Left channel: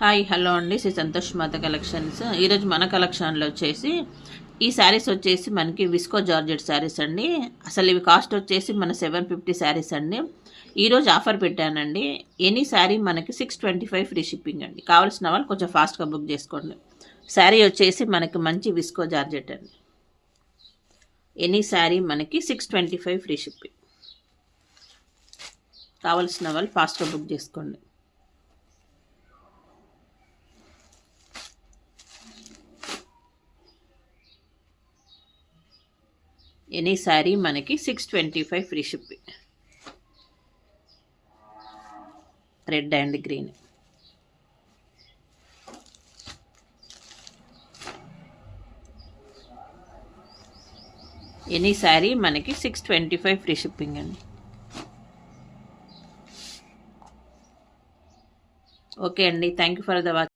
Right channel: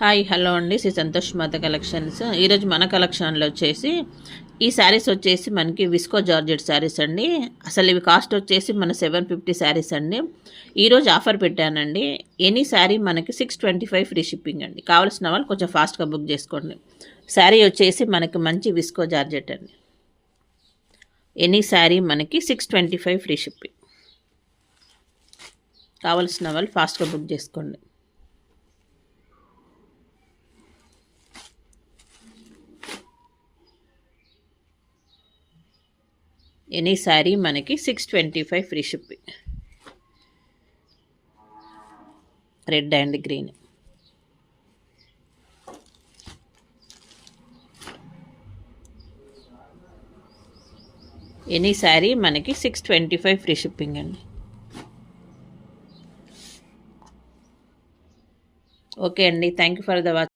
Hi hello అండి, శ్రీ సంతోష్ మాత collections. ఈరోజు మన కలెక్షన్లో వచ్చేసి ఈ శారీస్ వచ్చేసి మనకి విస్కో జార్జెట్ శారీస్ అండి. అసలు ఇవి కాస్ట్ వచ్చేసి మన 750 శారీస్ అండి. ఈరోజు ఆఫర్ పెట్టానండి. ఎనీ శారీ మనకి 625 ఫ్రీ షిప్పింగ్ అండి. కావాల్సిన వాళ్ళు కొంచెం ఫాస్ట్గా బుక్ చేసుకోండి. శారీ వచ్చేసి మనకి మంచి విస్కో జార్జెట్ అండి. ఎనీ శారీ మనకి 625 ఫ్రీ షిప్పింగ్. కావాల్సిన వాళ్ళు ఫాస్ట్గా బుక్ చేసుకోండి. ఎనీ శారీ మనకి 625 free shipping. Red and green. Any sari మనకి 625 ఫ్రీ షిప్పింగ్ అండి. ఓకే అండి, thank you for the watch.